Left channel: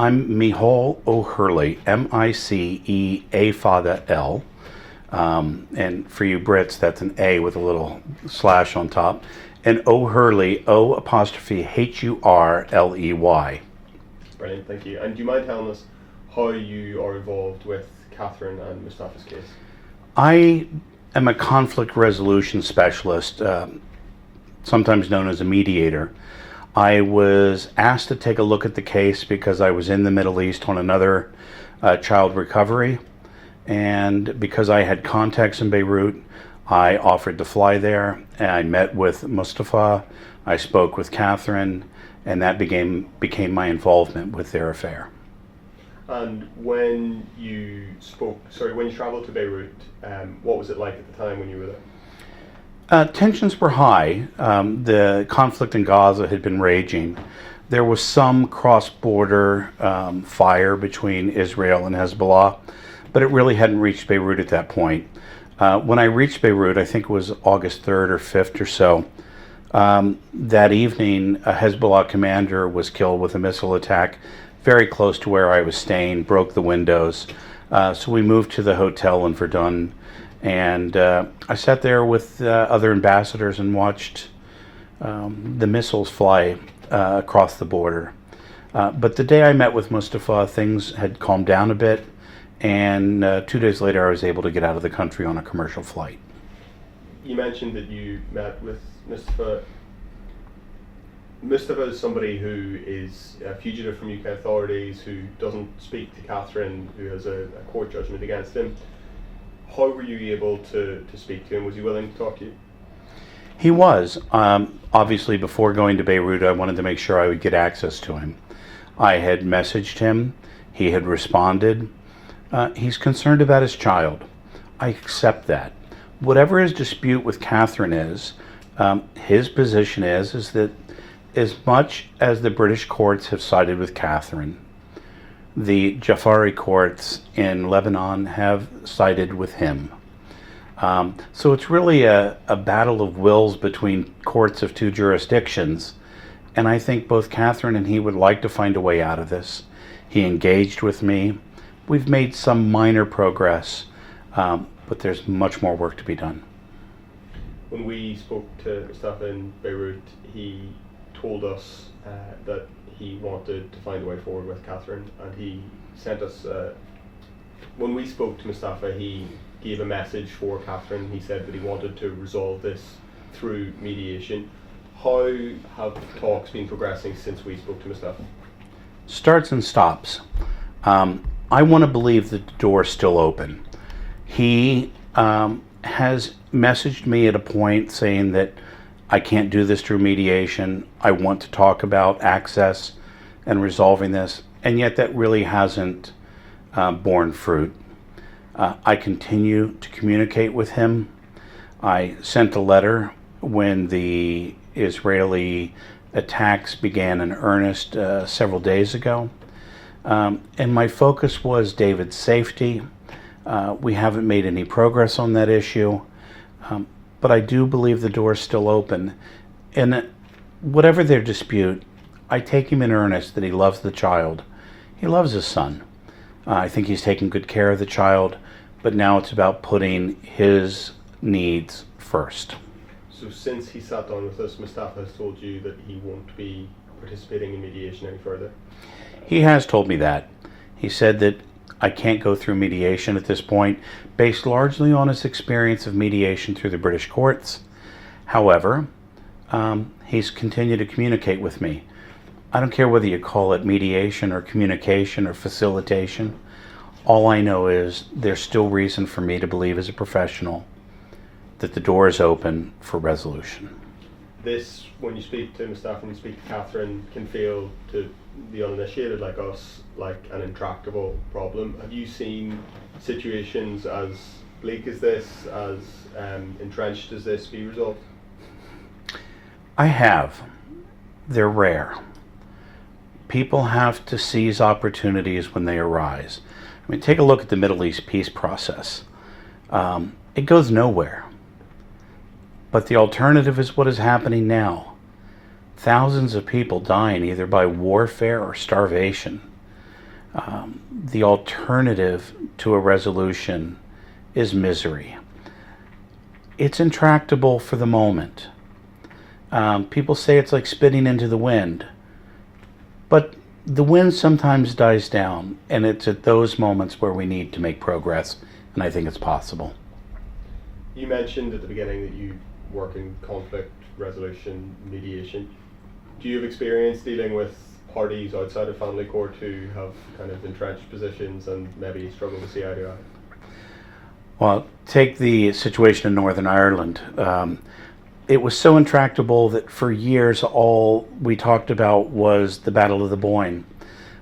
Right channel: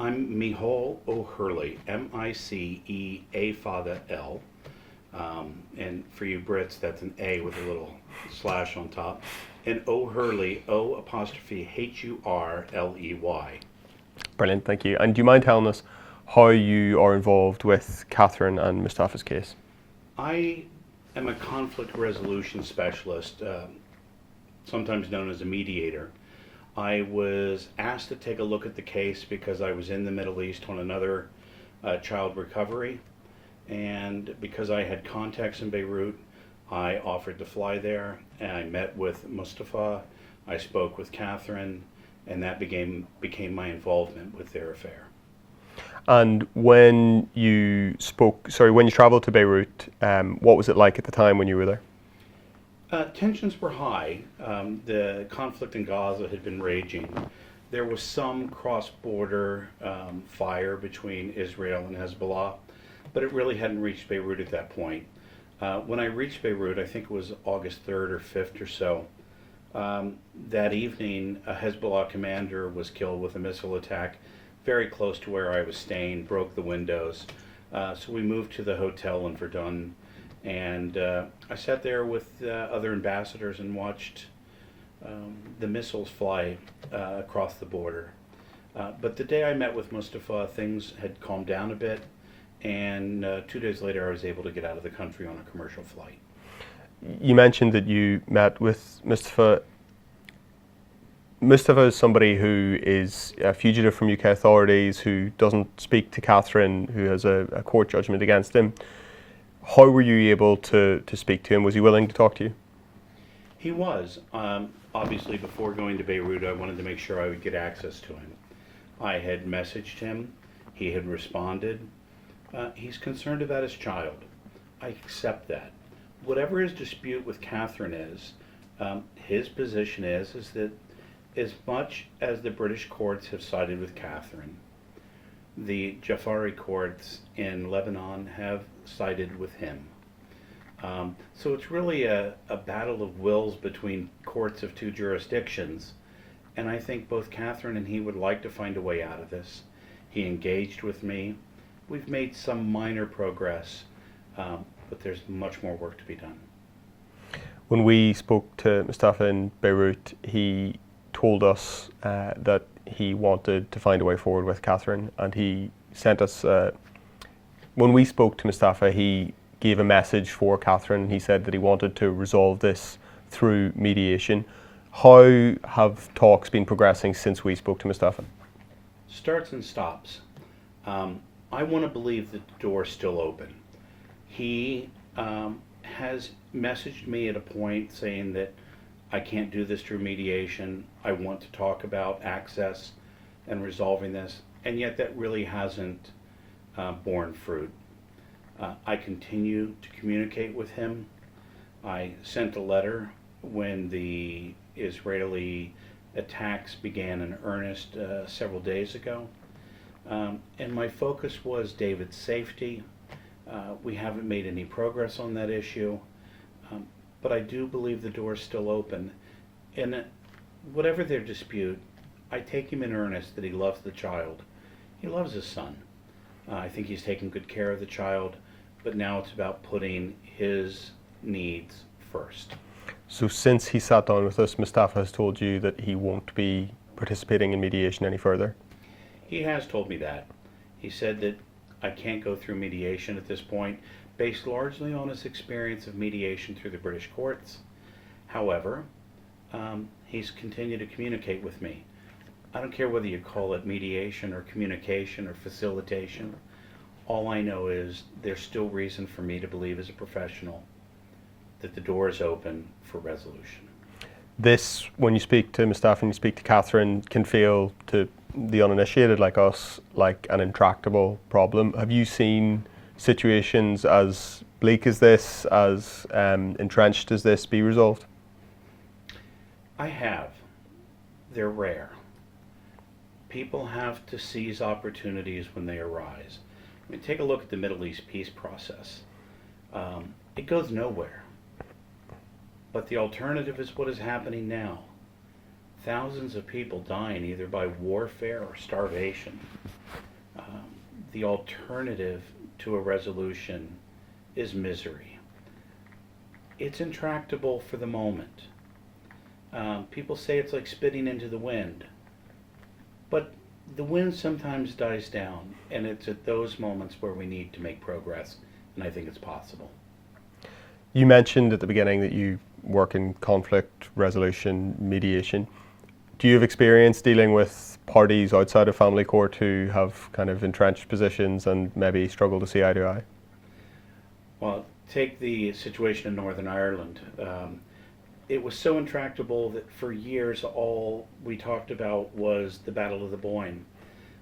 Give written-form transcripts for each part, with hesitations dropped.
I'm Miceal O'Hurley, M-I-C-E-A father L. And for you Brits, that's an A with a little slash on top. And O'Hurley, O''H-U-R-L-E-Y. Brilliant, thank you. And do you mind telling us how you are involved with Catherine and Mustafa's case? I am a conflict resolution specialist, sometimes known as a mediator. I was asked to take a look at the case because I was in the Middle East on another child recovery, and because I had contacts in Beirut, I offered to fly there, and I met with Mustafa, I spoke with Catherine, and that became my involvement with their affair. And when you traveled to Beirut, what was it like at the time when you were there? Tensions were high. The conflict in Gaza had been raging. There was some cross-border fire between Israel and Hezbollah, but it really hadn't reached Beirut at that point. When I reached Beirut, I think it was August 3rd or 5th or so, that evening a Hezbollah commander was killed with a missile attack very close to where I was staying, broke the windows. So we moved to the hotel in Verdun. And I sat there with other ambassadors and watched the missiles fly across the border. But the day I met with Mustafa, things had calmed down a bit, and 2 days later I was able to get out of the country on a commercial flight. You mentioned that you met with Mustafa. Mustafa is somebody who is a fugitive from UK authorities, who doesn't speak to Catherine, who has a court judgment against him. How were you able to speak to him? Was he willing to talk to you? He was. Obviously, before going to Beirut, I wanted to make sure I would get access to him. I had messaged him. He had responded. He's concerned about his child. I accept that. Whatever his dispute with Catherine is, his position is that as much as the British courts have sided with Catherine, the Jafari courts in Lebanon have sided with him. So it's really a battle of wills between courts of two jurisdictions. And I think both Catherine and he would like to find a way out of this. He engaged with me. We've made some minor progress, but there's much more work to be done. When we spoke to Mustafa in Beirut, he told us that he wanted to find a way forward with Catherine, and he sent us, when we spoke to Mustafa, he gave a message for Catherine. He said that he wanted to resolve this through mediation. How have talks been progressing since we spoke to Mustafa? Starts and stops. I want to believe that the door is still open. He has messaged me at a point saying that I can't do this through mediation. I want to talk about access and resolving this, and yet that really hasn't borne fruit. I continue to communicate with him. I sent a letter when the Israeli attacks began in earnest several days ago, and my focus was David's safety. We haven't made any progress on that issue. But I do believe the door is still open. And whatever their dispute, I take him in earnest that he loves the child. He loves his son. I think he's taking good care of the child, but now it's about putting his needs first. So since he sat down with us, Mustafa has told you that he won't be participating in mediation any further? He has told me that. He said that I can't go through mediation at this point, based largely on his experience of mediation through the British courts. However, he's continued to communicate with me. I don't care whether you call it mediation or communication or facilitation. All I know is there's still reason for me to believe as a professional that the door is open for resolution. This, when you speak to Mustafa and you speak to Catherine, can feel to the uninitiated like us like an intractable problem. Have you seen situations as bleak as this, as entrenched as this, be resolved? I have. They're rare. People have to seize opportunities when they arise. I mean, take a look at the Middle East peace process. It goes nowhere. But the alternative is what is happening now. Thousands of people dying either by warfare or starvation. The alternative to a resolution is misery. It's intractable for the moment. People say it's like spitting into the wind, but the wind sometimes dies down, and it's at those moments where we need to make progress, and I think it's possible. You mentioned at the beginning that you work in conflict resolution, mediation. Do you have experience dealing with parties outside of family court who have kind of entrenched positions and maybe struggle to see eye to eye? Well, take the situation in Northern Ireland. It was so intractable that for years all we talked about was the Battle of the Boyne.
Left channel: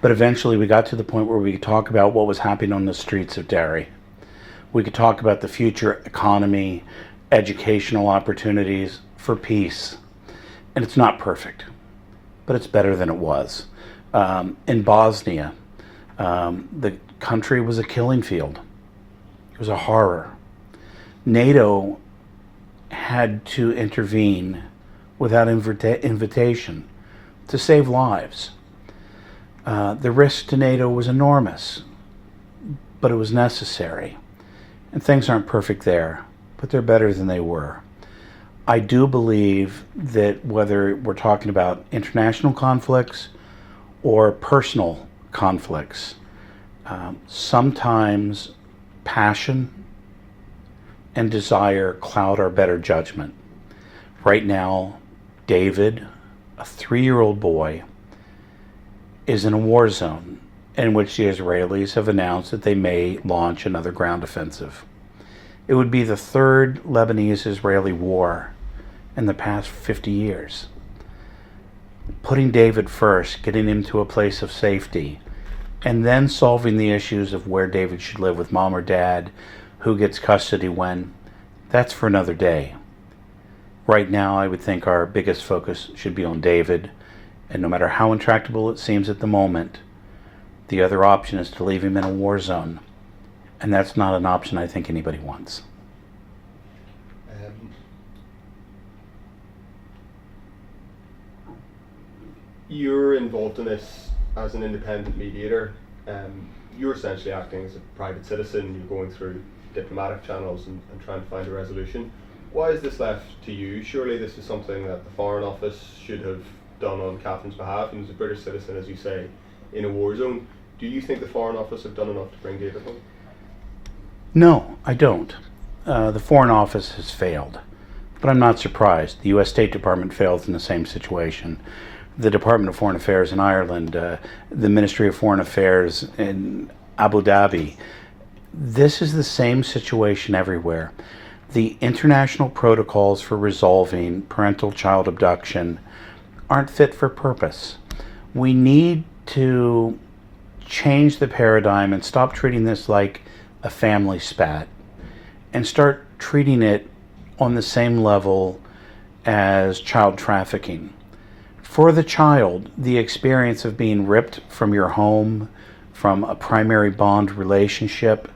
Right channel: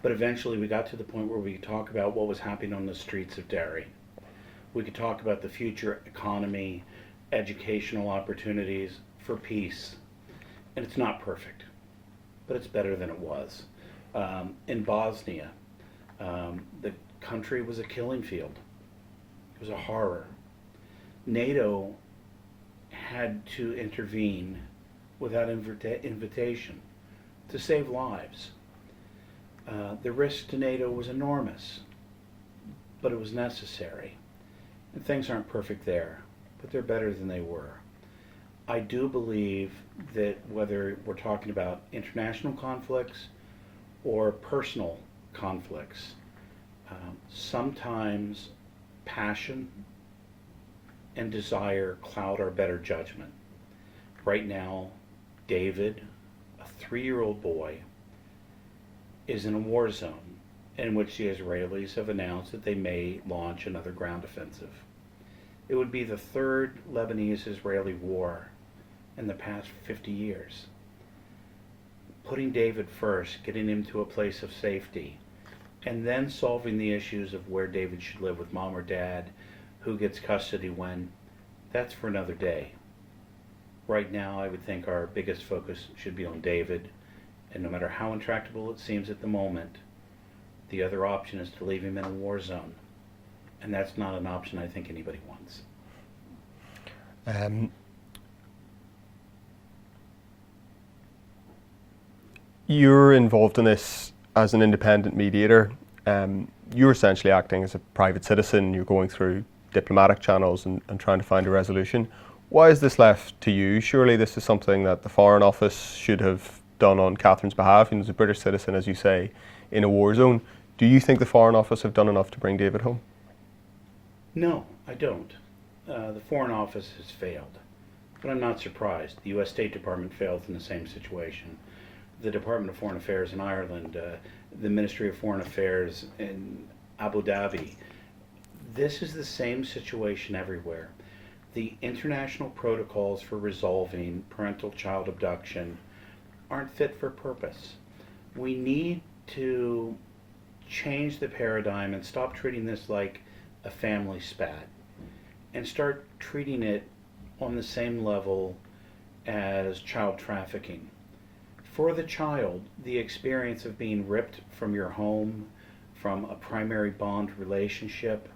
But eventually we got to the point where we could talk about what was happening on the streets of Derry. We could talk about the future economy, educational opportunities for peace. And it's not perfect, but it's better than it was. In Bosnia, the country was a killing field. It was a horror. NATO had to intervene without invitation to save lives. The risk to NATO was enormous, but it was necessary. And things aren't perfect there, but they're better than they were. I do believe that whether we're talking about international conflicts or personal conflicts, sometimes passion and desire cloud our better judgment. Right now, David, a 3-year-old boy, is in a war zone in which the Israelis have announced that they may launch another ground offensive. It would be the third Lebanese-Israeli war in the past 50 years. Putting David first, getting him to a place of safety, and then solving the issues of where David should live with mom or dad, who gets custody when, that's for another day. Right now, I would think our biggest focus should be on David, and no matter how intractable it seems at the moment, the other option is to leave him in a war zone, and that's not an option I think anybody wants. You're involved in this as an independent mediator. You're essentially acting as a private citizen. You're going through diplomatic channels and trying to find a resolution. Why is this left to you? Surely this is something that the Foreign Office should have done on Catherine's behalf. He was a British citizen, as you say, in a war zone. Do you think the Foreign Office have done enough to bring David home? No, I don't. The Foreign Office has failed, but I'm not surprised. The U.S. State Department failed in the same situation. The Department of Foreign Affairs in Ireland, the Ministry of Foreign Affairs in Abu Dhabi. This is the same situation everywhere. The international protocols for resolving parental-child abduction aren't fit for purpose. We need to change the paradigm and stop treating this like a family spat and start treating it on the same level as child trafficking. For the child, the experience of being ripped from your home, from a primary bond relationship,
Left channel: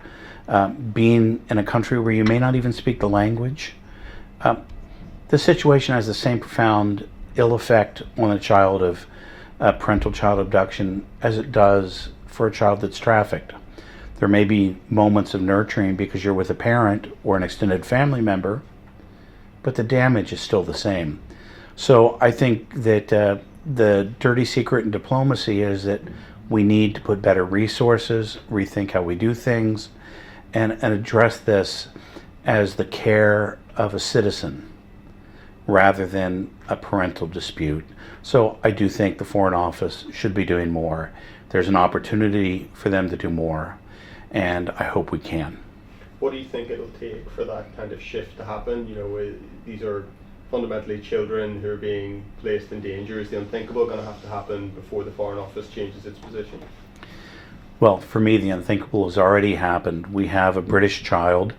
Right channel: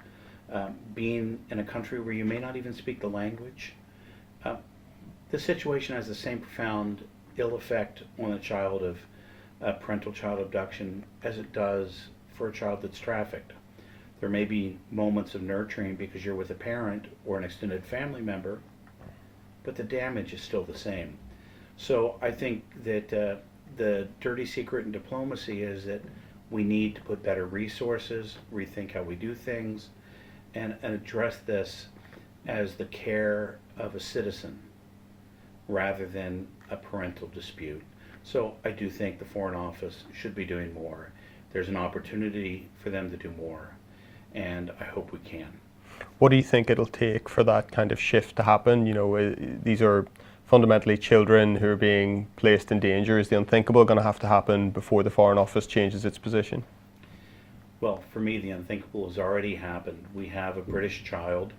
being in a country where you may not even speak the language, the situation has the same profound ill effect on a child of parental child abduction as it does for a child that's trafficked. There may be moments of nurturing because you're with a parent or an extended family member, but the damage is still the same. So I think that the dirty secret in diplomacy is that we need to put better resources, rethink how we do things, and address this as the care of a citizen rather than a parental dispute. So I do think the Foreign Office should be doing more. There's an opportunity for them to do more, and I hope we can. What do you think it'll take for that kind of shift to happen? You know, these are fundamentally children who are being placed in danger. Is the unthinkable going to have to happen before the Foreign Office changes its position? Well, for me, the unthinkable has already happened. We have a British child,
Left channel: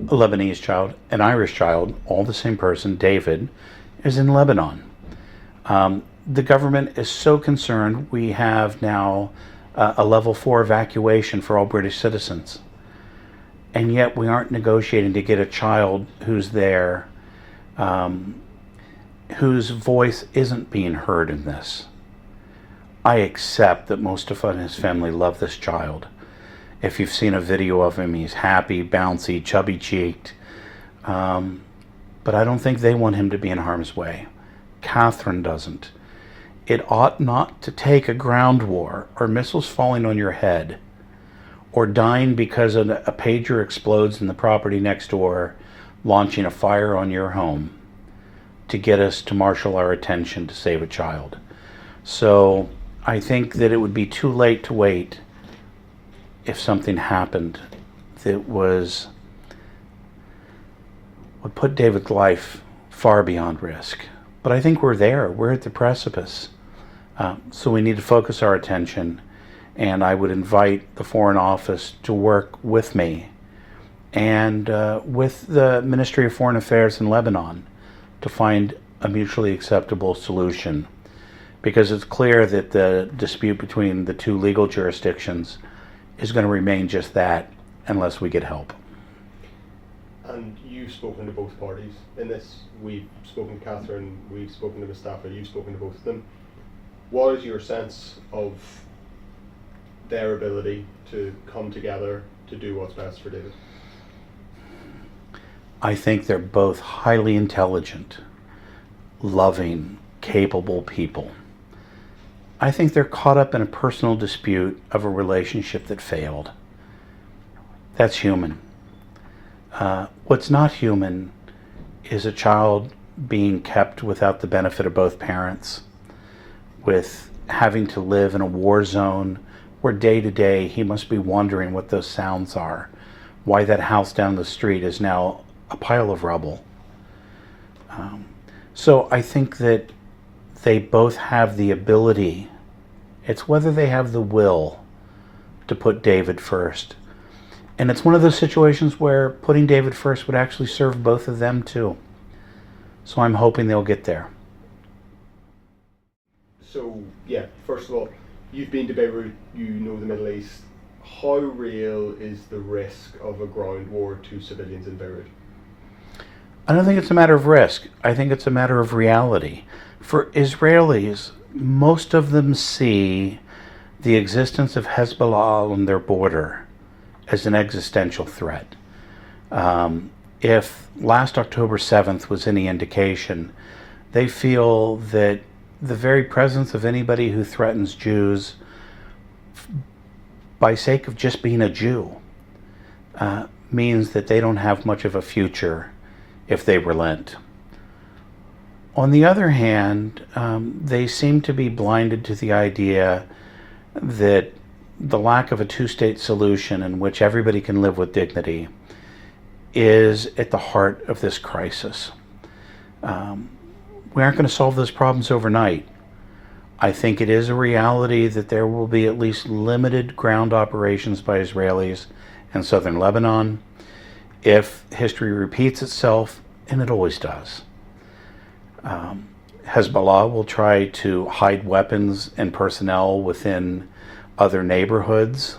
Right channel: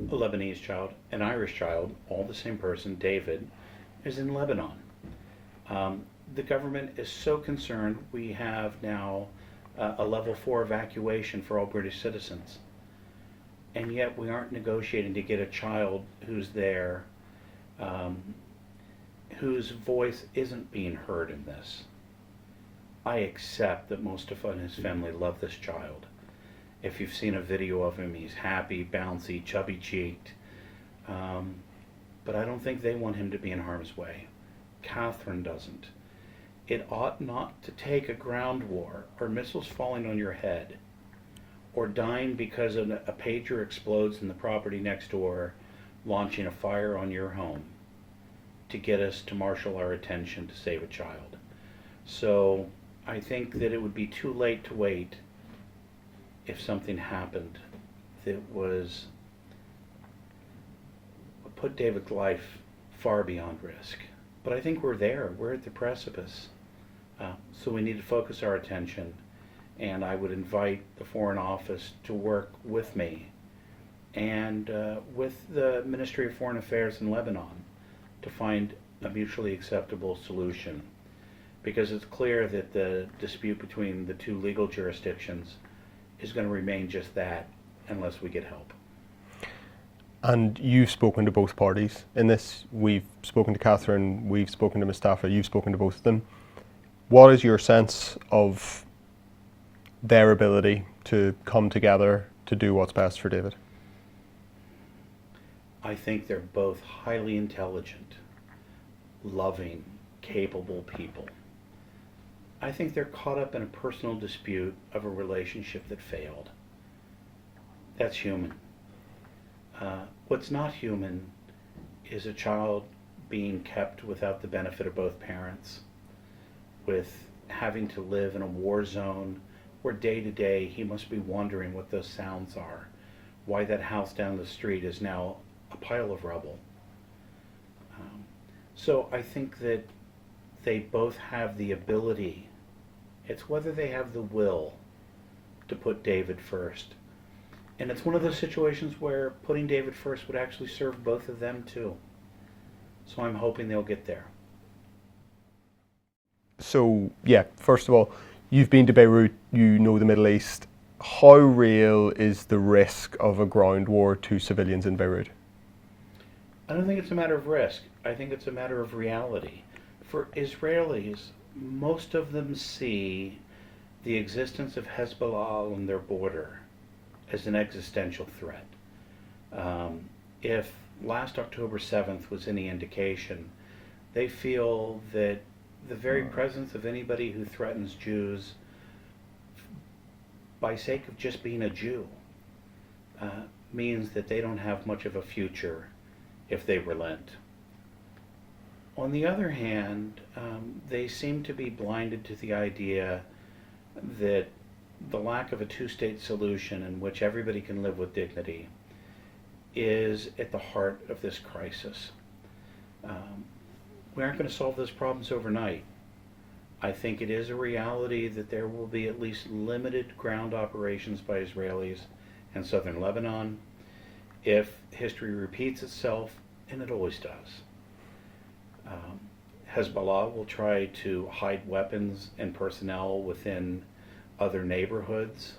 a Lebanese child, an Irish child, all the same person, David, is in Lebanon. The government is so concerned we have now a level 4 evacuation for all British citizens. And yet we aren't negotiating to get a child who's there, whose voice isn't being heard in this. I accept that Mustafa and his family love this child. If you've seen a video of him, he's happy, bouncy, chubby-cheeked. But I don't think they want him to be in harm's way. Catherine doesn't. It ought not to take a ground war or missiles falling on your head or dying because a pager explodes in the property next door, launching a fire on your home to get us to marshal our attention to save a child. So I think that it would be too late to wait if something happened that would put David's life far beyond risk. But I think we're there. We're at the precipice. So we need to focus our attention, and I would invite the Foreign Office to work with me and with the Ministry of Foreign Affairs in Lebanon to find a mutually acceptable solution, because it's clear that the dispute between the two legal jurisdictions is going to remain just that unless we get help. And you've spoken to both parties in this. We've spoken to Catherine, we've spoken to Mustafa, you've spoken to both of them. What is your sense of their ability to come together to do what's best for David? I think they're both highly intelligent, loving, capable people. I think they're caught up in a personal dispute of a relationship that failed. That's human. What's not human is a child being kept without the benefit of both parents, with having to live in a war zone where day to day he must be wondering what those sounds are, why that house down the street is now a pile of rubble. So I think that they both have the ability. It's whether they have the will to put David first. And it's one of those situations where putting David first would actually serve both of them too. So I'm hoping they'll get there. So, yeah, first of all, you've been to Beirut, you know the Middle East. How real is the risk of a ground war to civilians in Beirut? I don't think it's a matter of risk. I think it's a matter of reality. For Israelis, most of them see the existence of Hezbollah on their border as an existential threat. If last October 7th was any indication, they feel that the very presence of anybody who threatens Jews by sake of just being a Jew means that they don't have much of a future if they relent. On the other hand, they seem to be blinded to the idea that the lack of a two-state solution in which everybody can live with dignity is at the heart of this crisis. We aren't going to solve those problems overnight. I think it is a reality that there will be at least limited ground operations by Israelis in southern Lebanon if history repeats itself, and it always does. Hezbollah will try to hide weapons and personnel within other neighborhoods.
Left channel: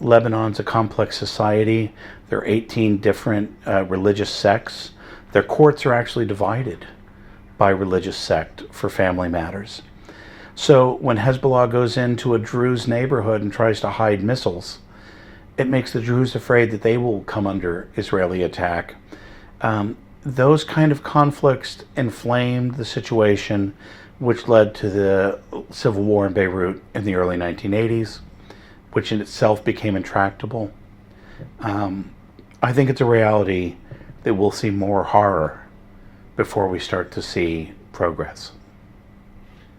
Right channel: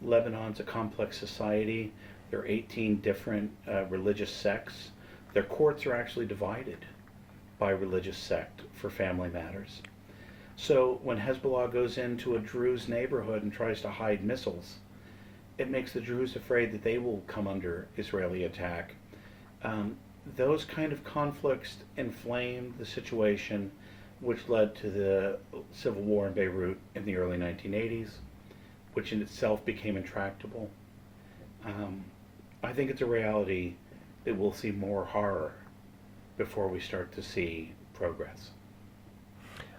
Lebanon's a complex society. There are 18 different religious sects. Their courts are actually divided by religious sect for family matters. So when Hezbollah goes into a Druze neighborhood and tries to hide missiles, it makes the Druze afraid that they will come under Israeli attack. Those kind of conflicts inflamed the situation, which led to the civil war in Beirut in the early 1980s, which in itself became intractable. I think it's a reality that we'll see more horror before we start to see progress.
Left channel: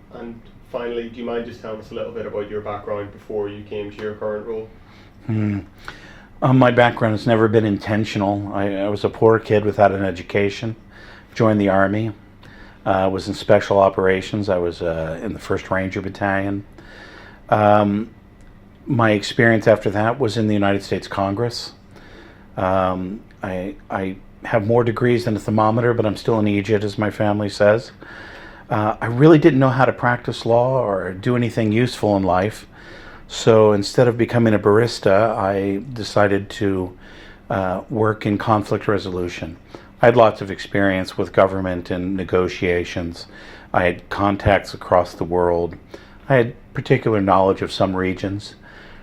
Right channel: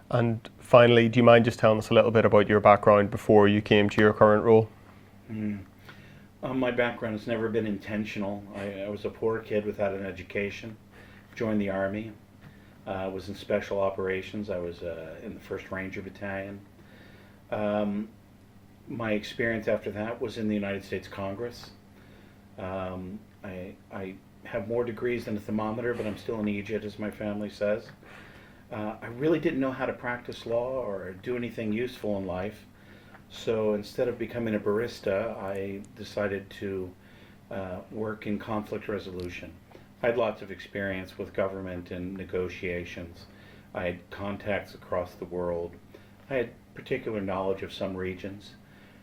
And finally, do you mind just telling us a little bit about your background before you came to your current role? My background has never been intentional. I was a poor kid without an education, joined the Army, was in special operations. I was in the 1st Ranger Battalion. My experience after that was in the United States Congress. I have more degrees than a thermometer, but I'm still an Egypt, as my family says. I really didn't know how to practice law or do anything useful in life. So instead of becoming a barista, I decided to work in conflict resolution. I had lots of experience with government and negotiations, I had contacts across the world. I had particular knowledge of some regions.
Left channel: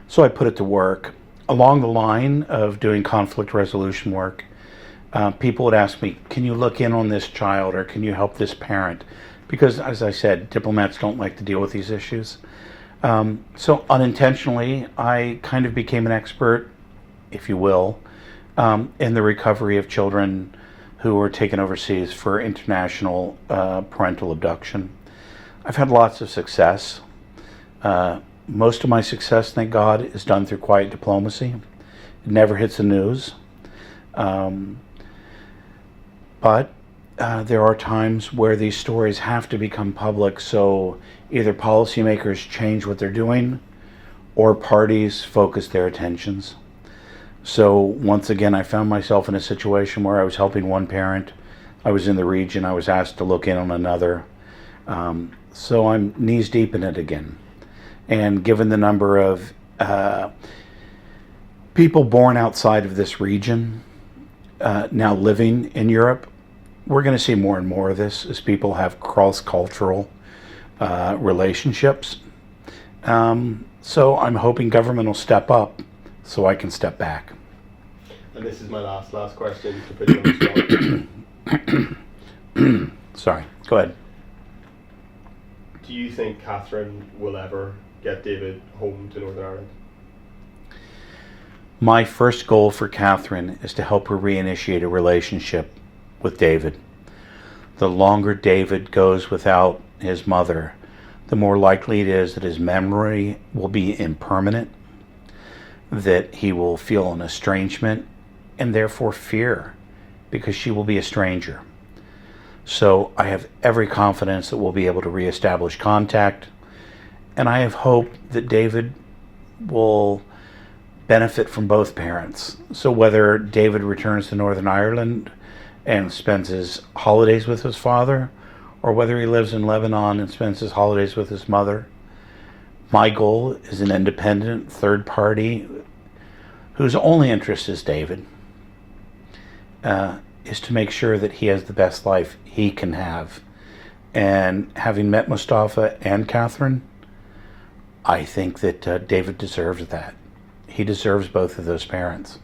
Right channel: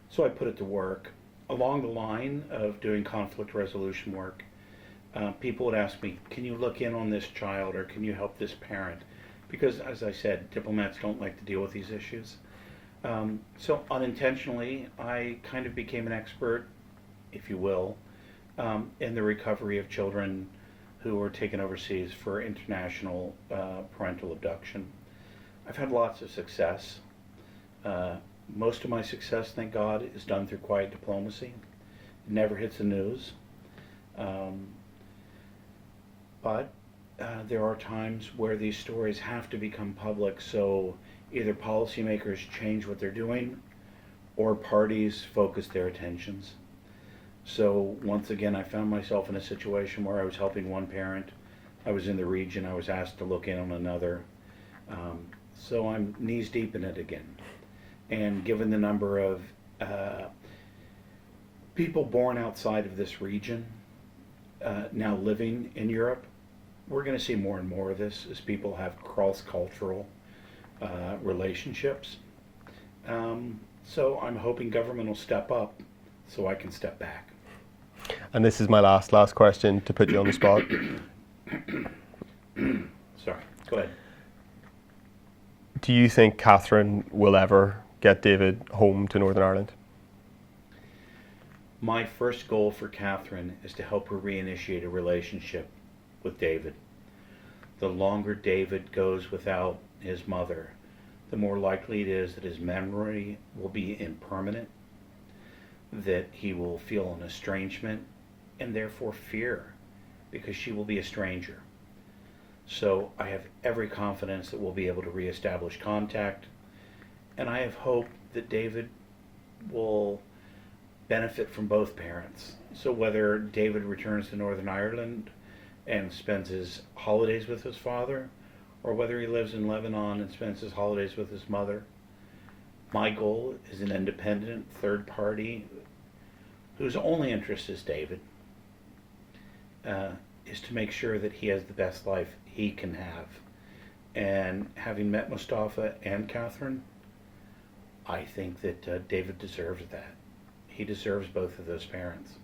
So I put it to work. Along the line of doing conflict resolution work, people would ask me, can you look in on this child or can you help this parent? Because, as I said, diplomats don't like to deal with these issues. So unintentionally, I kind of became an expert, if you will, in the recovery of children who were taken overseas for international parental abduction. I've had lots of success. Most of my success, thank God, is done through quiet diplomacy. It never hits the news. But there are times where these stories have to become public, so either policymakers change what they're doing or parties focus their attentions. So once again, I found myself in a situation where I was helping one parent. I was in the region. I was asked to look in on another. So I'm knees deep in it again. And given the number of people born outside of this region now living in Europe, we're going to see more and more of this as people have cross-cultural relationships. So I'm hoping government will step up so I can step back. And this is my last question to put you on the spot. Sorry, go ahead. Do you think Catherine will ever get David home to Northern Ireland? My first goal for Catherine is to help her reinitiate a relationship with David. The longer David goes without his mother, the more likely it is that his memory will be impermanent, that he will feel an estrangement and therefore fear because she will be a stranger. So I have every confidence that we'll be able to reestablish contact, and I have hope that David will benefit from both parents. So whether David returns to Northern Ireland and spends his holidays with his father, or whether he lives in Lebanon and spends his holidays with his mother, my goal is an independent third party whose only interest is David, is to make sure that he has the best life he can have. And having met Mustafa and Catherine, I think that David deserves that. He deserves both of those parents.